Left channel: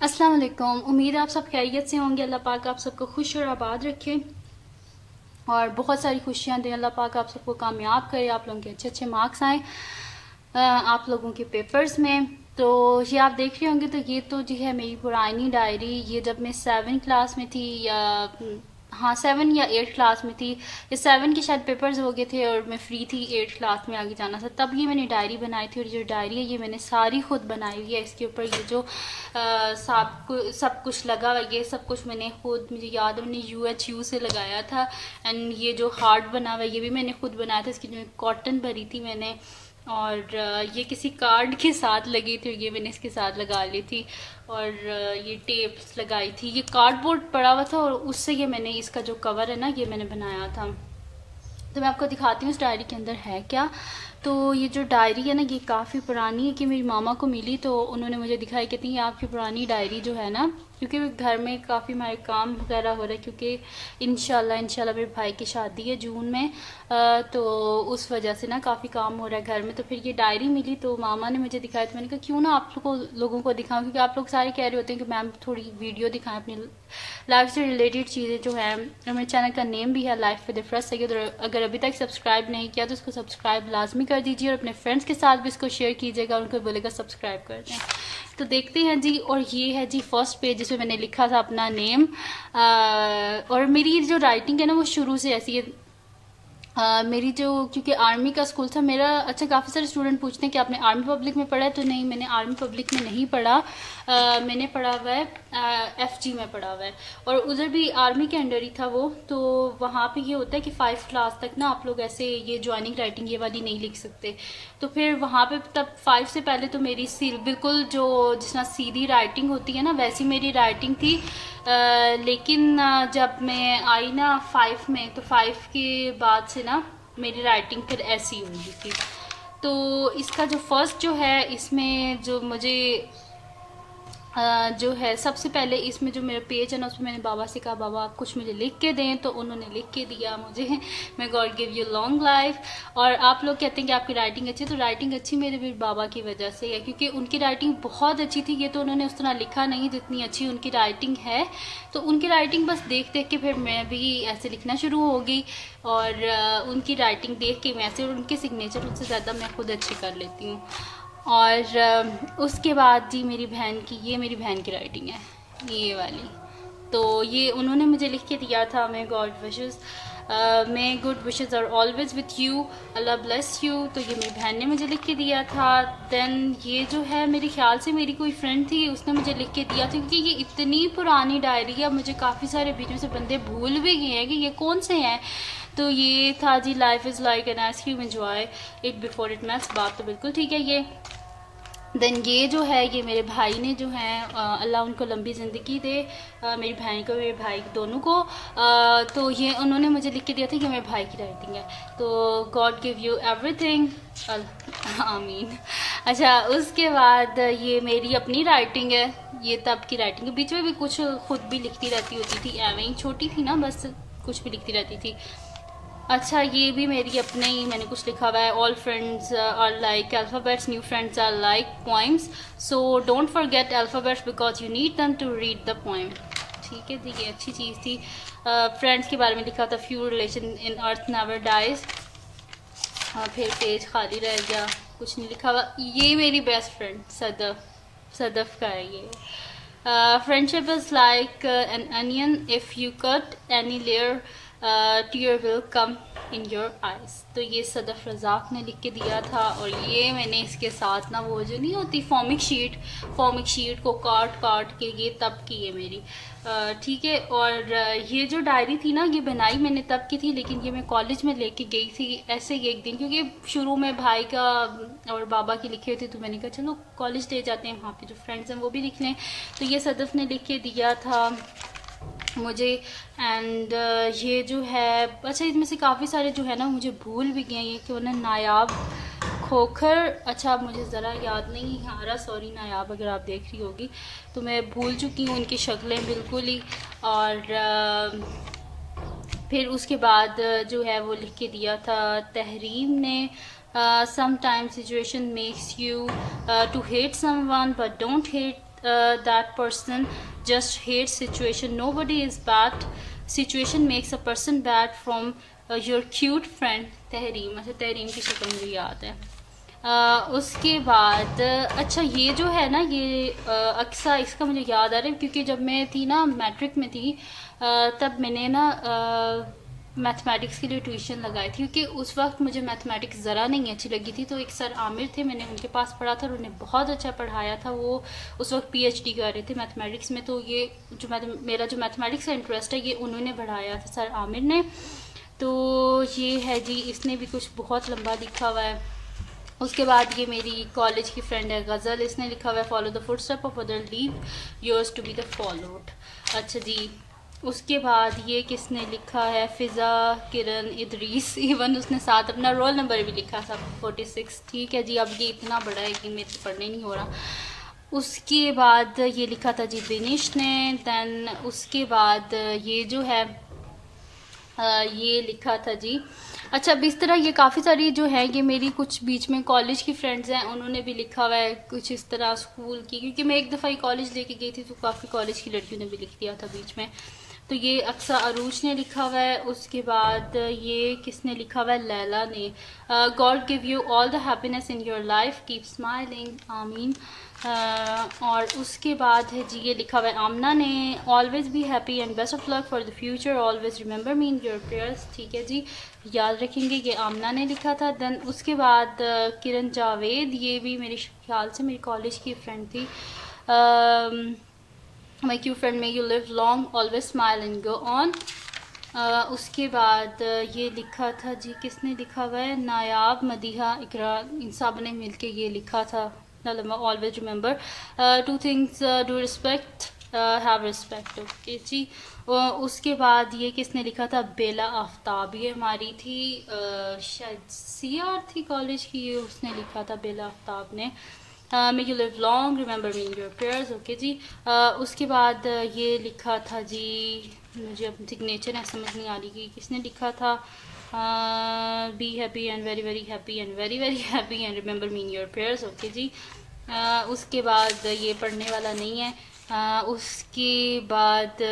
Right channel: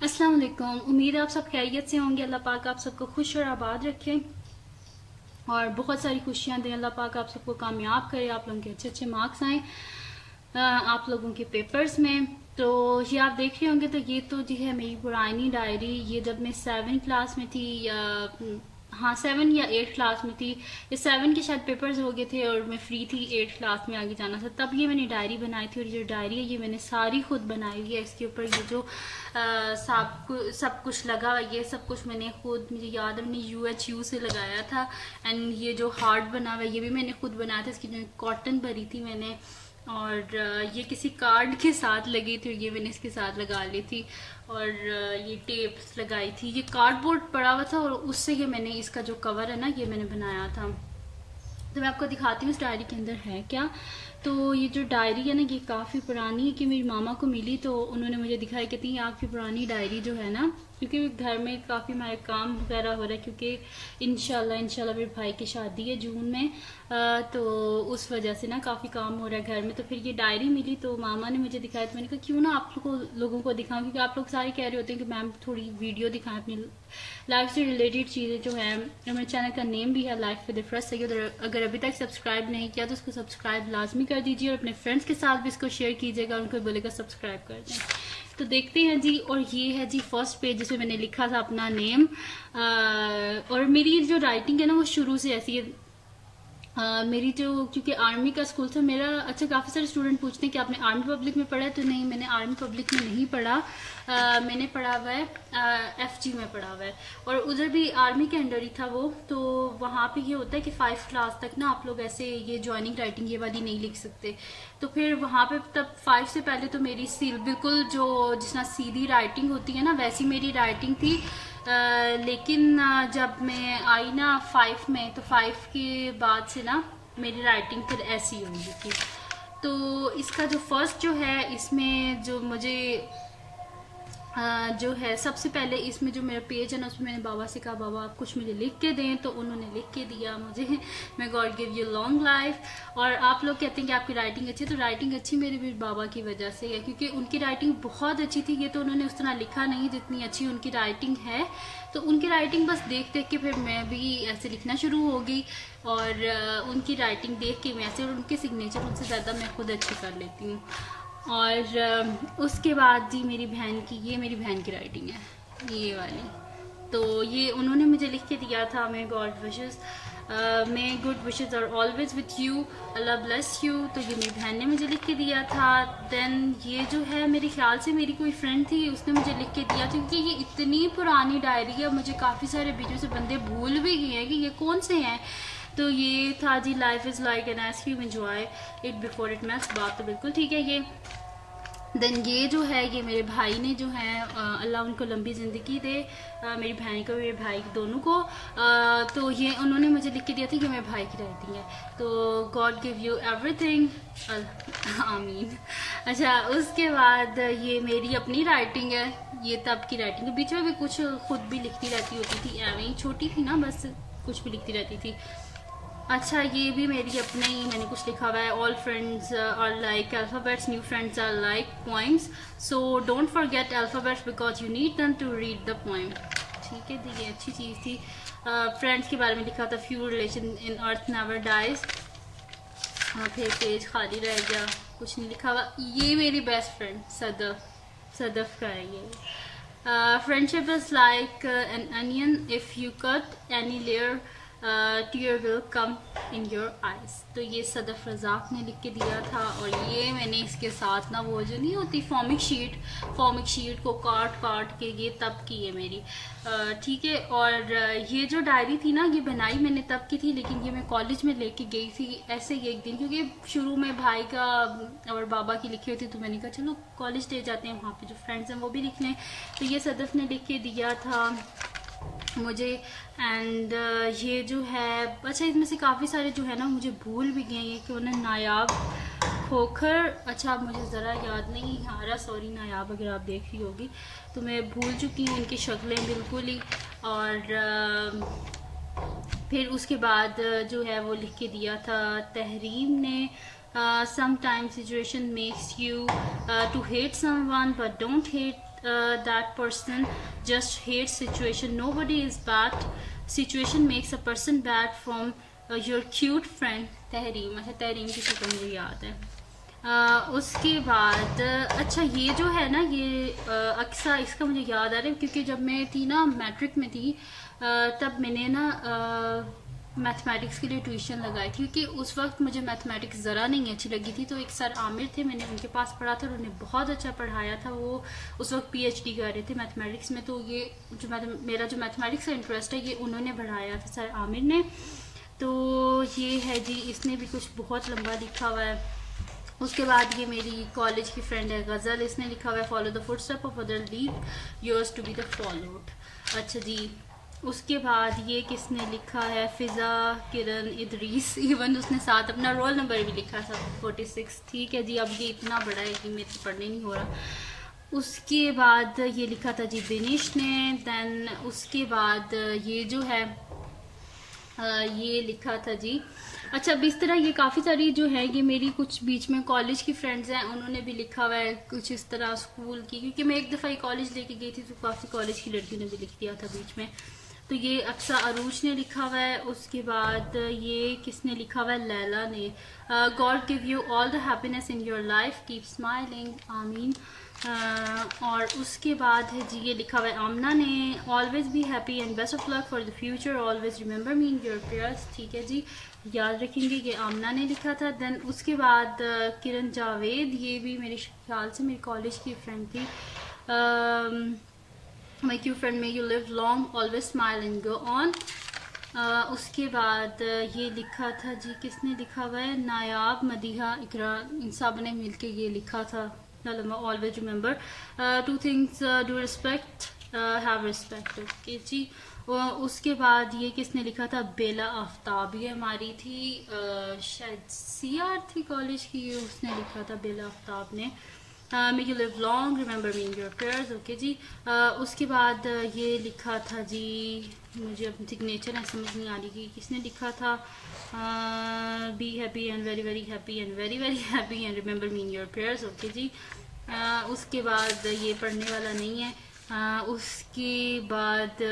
अस्सलाम वालेकुम। उम्मीद है आप सब खैरियत से होंगे। अल्लाह पाक आप सबको खुश और आबाद रखे और बहुत सारी खुशियां दें। अल्लाह पाक आप सबको कामयाब करे, आप लोगों के अच्छे अच्छे मार्क्स आए आप लोगों के पेपर्स में। तो ये आप देख रहे होंगे, तो ये तो जी है मेरी पुरानी डायरी। ये जब मैं 7 क्लास में थी या 7 या 8 क्लास में थी। ये 7 के शायद पेपर्स हो गए थे और मैं फ्री थी 8 क्लास में आगे जाना था, तब ये मैंने डायरी बनाई थी। और ये डायरी है ये मैंने सारी खुद बनाई है। इसके ऊपर ये जो सब कुछ लगा हुआ, ये सब कुछ मैंने खुद, मुझे याद है मैंने UHU से लगाया था। एंड ये जो हार्ट बना हुआ है ये भी मैंने खुद बनाया था। इसकी जो कॉटन भरी थी मैंने, और ये किसी कार्ड के साथ लगी थी, ये मैंने इसके साथ लगा ली थी। और ये टेप्स लगाई थी। ये कार्डबोर्ड पड़ा हुआ था और उससे ये मैंने, इसका जो कवर है ना, ये मैंने बनाया था। तो मैं आपको दिखाती हूँ इस डायरी के अंदर है क्या। तो ये जो डायरी है ना, ये काफ़ी पुरानी है कि मेरी मामा को मिली, तो उन्होंने मुझे दिखाई, कहती है आपकी पुरानी डायरी जो है ना, क्योंकि घर में काफ़ी हमारे काम वगैरह हो रहा है, क्योंकि इंशाल्लाह मेरे भाई की शादी है जून में, तो उस वजह से ना काफ़ी काम हो रहा है घर में। तो फिर ये डायरी मिली तो मामा ने मुझे दिखाई, तो मैंने कहा क्यों ना आप लोगों को दिखाऊं, क्योंकि आप लोग सारे कह रहे होते हैं कि मैम थोड़ी वीडियो दिखाएं अपनी लाइफ से रिलेटेड चीज़ें जो हैं। और मेरे चैनल का नेम भी है लाइफ विद इफरा सैयद। अगर अभी तक सब्सक्राइब नहीं किया तो इसको सब्सक्राइब लाजमी कर दीजिए और अपने फ्रेंड्स के साथ भी इसको शेयर कीजिएगा, उनको बोलेगा सब्सक्राइब कर दें। तो देखते हैं जी। और ये है जी फर्स्ट पेज, जिसमें मैंने लिखा था अपना नेम। और मेरी जो राइटिंग है ना वो शुरू से ऐसी है। मेरी जो, क्योंकि आर्मी का स्कूल था मेरा। अच्छा, काफ़ी सारे स्टूडेंट पूछते हैं कि आपने आर्मी पब्लिक में पढ़ा है, तो नहीं, मैंने आर्मी पब्लिक में नहीं पढ़ा। मैंने पढ़ा हुआ है FG में पढ़ा हुआ है, और उधर भी आर्मी के अंडर ही था वो। तो वहाँ पे ये होता है कि 5 क्लास तक ना आप लोग ऐसे ये ज्वाइनिंग राइटिंग ये वाली नहीं लिख सकते। तो फिर वहाँ पे तब 5 से पहले तो मेरी बिल्कुल जो जितना सीधी राइटिंग होती है ना, वैसी मेरी राइटिंग थी। लेकिन जब मैं आई ना 5 में, तो 5 के बाद से ना मेरी राइटिंग फिर ऐसी हो गई थी। तो इसका जो फर्स्ट जो है, इसमें जो मुझे जो है सबसे पहले इसमें जो मेरा पेज है ना, उसमें मैंने बाबा से कहा बाबा आप कुछ मुझे लिख के दें, तो उन्होंने लिख के दिया मुझे, मैं God give you long life. और आप लोग कहते हैं कि आपकी राइटिंग अच्छी है, तो राइटिंग अच्छी मेरे भी बाबा की वजह से है, क्योंकि उनकी राइटिंग बहुत अच्छी थी। ये तो उन्होंने उस तरह लिखा नहीं जितनी अच्छी उनकी राइटिंग है। तो उनकी राइटिंग बस देख देख के फिर मैं भी ऐसे लिखना शुरू हो गई, और उनकी राइटिंग देख के मैं ऐसे, और उनके सिग्नेचर उनसे ज़्यादा मैं खुद अच्छी कर लेती हूँ। और उसके बाद जी मेरी बहन की, ये मेरी बहन की राइटिंग है ये वाली। तो ये उन्होंने मुझे लिख के दिया था, may God wishes, may good wishes are always with you, Allah bless you. तो ये मेरी बहन ने मुझे लिख के दिया था। देन ये जो है मेरे ख्याल से मेरी कोई फ्रेंड थी, उसने मुझे लिख के दिया था, क्योंकि ये इतनी पुरानी डायरी है, मुझे काफ़ी सारे बीच में से बंदे भूल भी गए हैं कि ये कौन से हैं। तो ये था जी life is like an ice cream, enjoy it before it melts. बात तो बिल्कुल ठीक है ये। देन ये जो है, ये मेरे भाई ने जो है, अल्लाह उनको लंबी ज़िंदगी दे, मेरी बहन को, मेरे भाई दोनों को। तो ये उन्होंने मुझे लिख के दिया था कि मेरे भाई की राइटिंग है। तो गॉड गिव यू एवरीथिंग, आमीन। अच्छा, उसके बाद ये मेरी अपनी राइटिंग है, ये तब की राइटिंग है। बीच में भी कुछ खुद भी लिखती रहती होती थी, एवं ही छोटी थी ना, बस कुछ भी लिखती रहती थी। अच्छा, ये भी मेरी अपने ही मैंने कुछ लिखा हुआ है। All friends are like alphabets, new friends are like poems, so don't forget alphabets because you need them to read the poem. ठीक है, तो ये अच्छी चीज़ थी। फ्रेंड्स के बारे में लिखा था, few relation in earth never dies. फिर पेज खाली रह गया, कुछ नहीं लिखा हुआ। ये मेरी बेस्ट फ्रेंड सदफ का है ये। Friendship is like N onion, if you cut any layer tear will come in your eyes। तो ये सदफ रज़ाक ने लिख के दिया था। और ये मैंने इसके साथ ना वो जो नहीं होती फॉर्मिक शीट को काट के ये तब की है मेरी। ठीक है। और ये जो डायरी थी ना, ये बनाई मैंने तब की थी, लेकिन ये मैं कॉलेज में लेके गई थी ऐसे ही एक दिन, क्योंकि शुरू में भाई का और बाबा की लिखे हुए थे, तो मैंने कहा चलो कॉलेज ले जाते हैं, वहाँ पे जो फ्रेंड्स हैं वो भी लिख लें। तो ये सदफ ने लिख के दिया था मुझे। एंड ये जो है, अच्छा इसमें से काफ़ी सारे जो है ना मुझे भूल भी गए हैं। ये क्यों ना, नायाब खोखर, अच्छा मुझे ज़रा याद नहीं आ रहा, सॉरी नायाब अगर आप देख रही होगी, तो मैं भूल चुकी हूँ उनकी शक्लें बिल्कुल ही। और फिर उसके बाद जो है वो लिख के दिया था तहरीम ने, sometimes situation makes you to hate someone but don't hate that person just hates situation. Nobody is bad. Situation makes a person bad. From your cute friend Tahreem. अच्छा, तहरीम की शक्ल मुझे याद है. उसके बाद अच्छा ये जो है ना, ये अक्सा, इसका मुझे याद आ रहा है क्योंकि जब मैं थी ना मैट्रिक में थी तब मैंने ना मैथमेटिक्स के लिए ट्यूशन लगाई थी, क्योंकि उस वक्त मुझे मैथमेटिक्स ज़रा नहीं अच्छी लगी थी. तो एक सर आमिर थे, मैंने उनके पास पढ़ा था और उन्हें बहुत अच्छा पढ़ाया था. वो उस वक्त PhD कर रहे थे मैथमेटिक्स में. तो ये जो मेरा जो मैथमेटिक्स का इंटरेस्ट है ये उन्होंने बढ़ाया था, सर आमिर ने. तो ये है जी, इसने भी कुछ बहुत लंबा लिखा हुआ है. उसके बाद ये मेरी कॉलेज की फ्रेंड है गज़ल, इसने लिखा हुआ है follow the footstep of other, leave yours to be the followed. अच्छा जी, उसके बाद ये किसने लिखा है, फ़िज़ा किरण इदरीस. इवन उसने साथ अपना रोल नंबर भी लिखा था 46. ठीक है जी, अब ये इतना बड़ा है कि मेरे से पढ़ने नहीं हो रहा. उसके बाद ये लिखा था जी बिनिश ने. दैन उसके बाद ये जो है ये लिखा था जी. अच्छा, अब इस तरह ये काफ़ी सारी जो है ये मेरी कुछ बीच में कॉलेज की फ्रेंड्स हैं, उन्होंने भी लिखा हुआ है कुछ इस तरह स्कूल की, क्योंकि मैं एक दफ़ा ही कॉलेज लेके गई थी तो काफ़ी कॉलेज की लड़कियों ने भी लिख दिया था बीच में. तो ये अक्सा अरूज ने लिखा हुआ है. उसके बाद ये किसने लिखा हुआ है, लैला ने. God give you all the happiness in your life, keep smiling, आमीन. और उसके बाद है जी ये लिखा हुआ है आमना ने, always be happy and best of luck for the future, always remember me in your prayers. ठीक है जी, याद रखेंगे. ये आमना ने लिखा था. देन उसके बाद किरण जावेद, ये भी मेरे ख्याल से मेरी कॉलेज की फ्रेंड थी. My cute friend, may you live long, always smile and go on. उसके बाद ये लिखा था जी, किसने लिखा हुआ है, नायाब, मदीहा, इकरा, इन सब ने मिलके ये लिखा था. Always remember 2 things, do respect, have respect. Okay जी. उसके बाद ये किसने लिखा था, बेला आफ्ताब, ये हमारी थी शायद CR थी कॉलेज की, ये उसने लिखा था बेला आफ्ताब ने. May you live long, remember me in your prayers. Okay जी. उसके बाद ये लिखा था जी, मुझे अब सिग्नेचर है समझ नहीं आ रही कि किसने लिखा था. Be happy and very very happy and very very happy and remember me in your prayers. Okay जी. उसके बाद ये पढ़ने वाला नहीं है. उसके बाद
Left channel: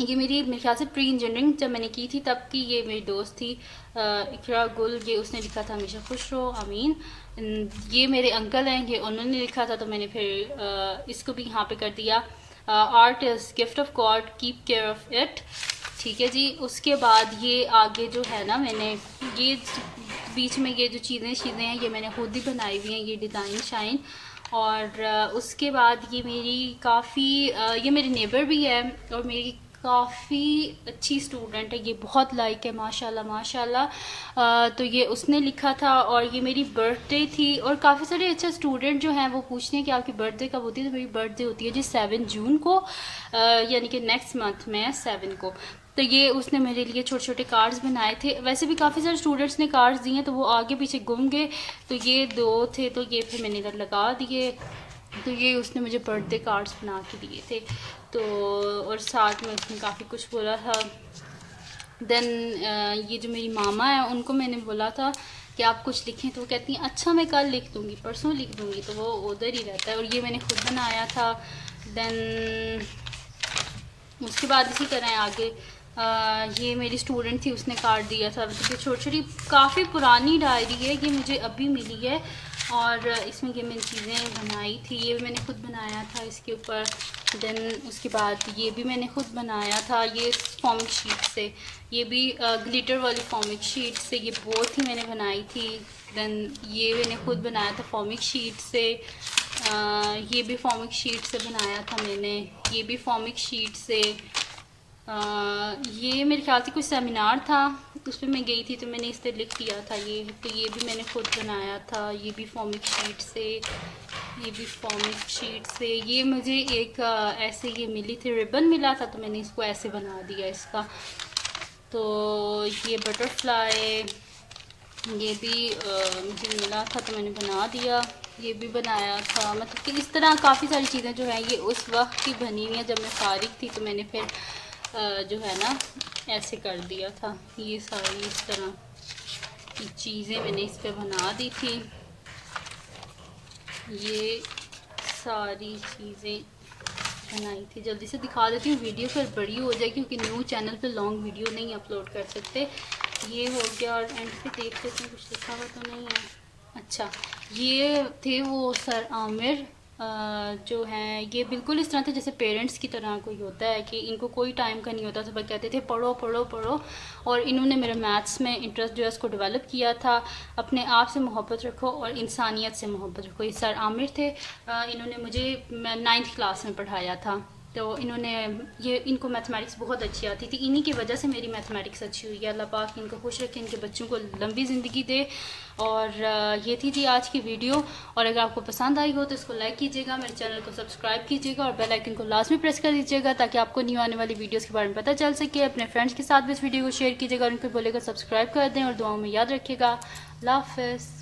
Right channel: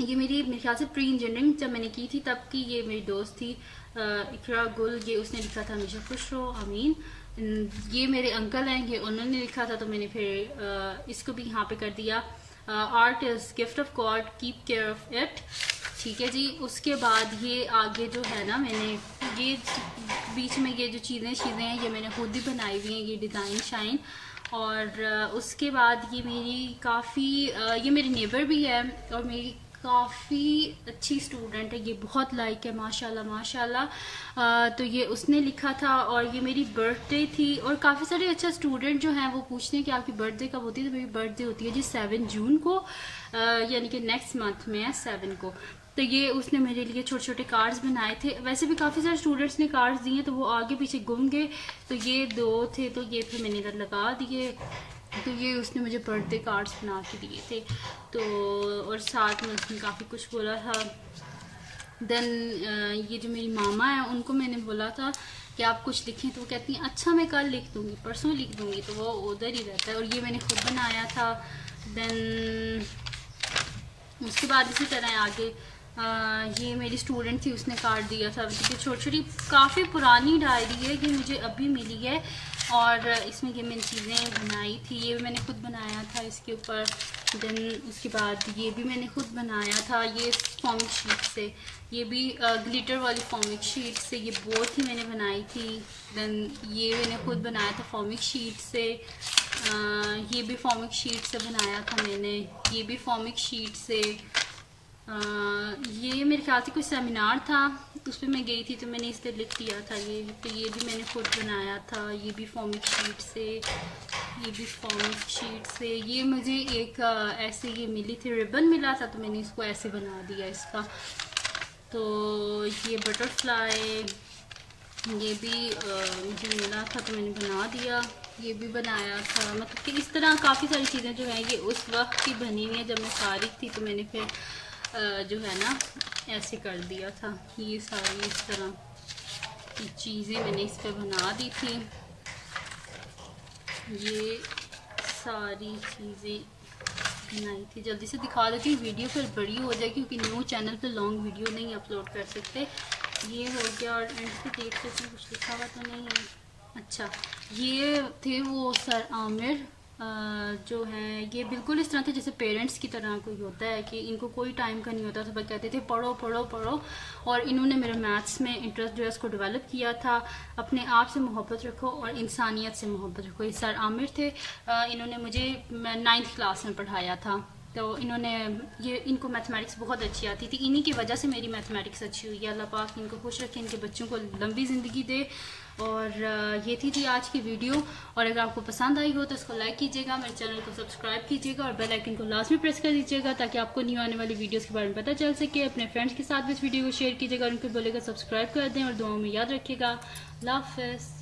ये मेरे ख्याल से प्री इंजीनियरिंग जब मैंने की थी तब की ये मेरी दोस्त थी इकरा गुल, ये उसने लिखा था हमेशा खुश रहो, आमीन. ये मेरे अंकल हैं, ये उन्होंने लिखा था तो मैंने फिर इसको भी यहाँ पे कर दिया. Art is gift of God, keep care of it. ठीक है जी. उसके बाद ये आगे जो है ना, मैंने ये बीच में ये जो चीज़ें हैं ये मैंने खुद ही बनाई हुई हैं, ये डिज़ाइन शाइन. और उसके बाद ये मेरी काफ़ी ये मेरी नेबर भी है और मेरी काफ़ी अच्छी स्टूडेंट है, ये बहुत लाइक है माशाल्लाह माशाल्लाह. तो ये उसने लिखा था. और ये मेरी बर्थडे थी और काफ़ी सारे अच्छा स्टूडेंट जो हैं वो पूछते हैं कि आपकी बर्थडे कब होती है. तो मेरी बर्थडे होती है जी 7 जून को, यानी कि नेक्स्ट मंथ में 7 को. तो ये उसने मेरे लिए छोटे छोटे कार्ड्स बनाए थे. वैसे भी काफ़ी सारे स्टूडेंट्स ने कार्ड्स दिए तो वो आगे पीछे गुम गए, तो ये 2 थे तो ये फिर मैंने इधर लगा दिए. तो ये उसने मुझे बर्थडे कार्ड्स बना के दिए थे. तो और साथ में उसने काफ़ी कुछ बोला था. देन ये जो मेरी मामा है उनको मैंने बोला था कि आप कुछ लिखें, तो वो कहती हैं अच्छा मैं कल लिख दूँगी, परसों लिख दूँगी. तो वो उधर ही रहता है. और ये मैंने खुद बनाया था. देन उसके बाद इसी तरह आगे ये मेरी स्टूडेंट थी, उसने कार्ड दिया था. ये छोटी छोटी काफ़ी पुरानी डायरी है, ये मुझे अभी मिली है. और इसमें ये मैंने चीज़ें बनाई थी, ये भी मैंने खुद बनाया था इसके ऊपर. देन उसके बाद ये भी मैंने खुद बनाया था, ये फॉर्मिक शीट से, ये भी ग्लिटर वाली फॉर्मिक शीट से, ये बहुत ही मैंने बनाई थी. देन ये मैंने खुद बनाया था फॉर्मिक शीट से. ये भी फॉर्मिक शीट से बनाया था मैंने, ये भी फॉर्मिक शीट से. ये मेरे ख्याल से कुछ सेमिनार था उस पर मैं गई थी तो मैंने इस पर लिख दिया था ये. तो ये भी मैंने खुद बनाया था, ये भी फॉर्मिक शीट से, ये भी फॉर्मिक शीट से. ये मुझे एक ऐसे ये मिली थी, रिबन मिला था तो मैंने इसको ऐसे बना दिया इसका. तो ये बटरफ्लाई ये भी मुझे मिला था तो मैंने बना दिया, ये भी बनाया था. मतलब कि इस तरह काफ़ी सारी चीज़ें जो हैं ये उस वक्त की बनी हुई हैं जब मैं फारिग थी. तो मैंने फिर जो है ना ऐसे कर दिया था. ये सारी इस तरह की चीज़ें मैंने इस पर बना दी थी. ये सारी चीज़ें बनाई थी। जल्दी से दिखा देती हूँ, वीडियो फिर बड़ी हो जाएगी क्योंकि न्यू चैनल पे लॉन्ग वीडियो नहीं अपलोड कर सकते। ये हो गया और एंड पे देख लेते हैं कुछ लिखा हुआ तो नहीं है। अच्छा, ये थे वो सर आमिर जो हैं, ये बिल्कुल इस तरह थे जैसे पेरेंट्स की तरह कोई होता है कि इनको कोई टाइम का नहीं होता था, बस कहते थे पढ़ो पढ़ो पढ़ो। और इन्होंने मेरा मैथ्स में इंटरेस्ट जो है उसको डेवलप किया था। अपने आप से मोहब्बत रखो और इंसानियत से मोहब्बत रखो। ये सर आमिर थे, इन्होंने मुझे 9th क्लास में पढ़ाया था। तो इनको मैथमेटिक्स बहुत अच्छी आती थी, इन्हीं की वजह से मेरी मैथमेटिक्स अच्छी हुई है। अल्लाह पाक इनको खुश रखे, इनके बच्चों को लंबी ज़िंदगी दे। और ये थी आज की वीडियो। और अगर आपको पसंद आई हो तो इसको लाइक कीजिएगा, मेरे चैनल को सब्सक्राइब कीजिएगा और बेल आइकन को लाजमी प्रेस कर दीजिएगा ताकि आपको न्यू आने वाली वीडियोस के बारे में पता चल सके। अपने फ्रेंड्स के साथ भी इस वीडियो को शेयर कीजिएगा और उनको बोलेगा सब्सक्राइब कर दें और दुआओं में याद रखिएगा। अल्लाह हाफ़िज़।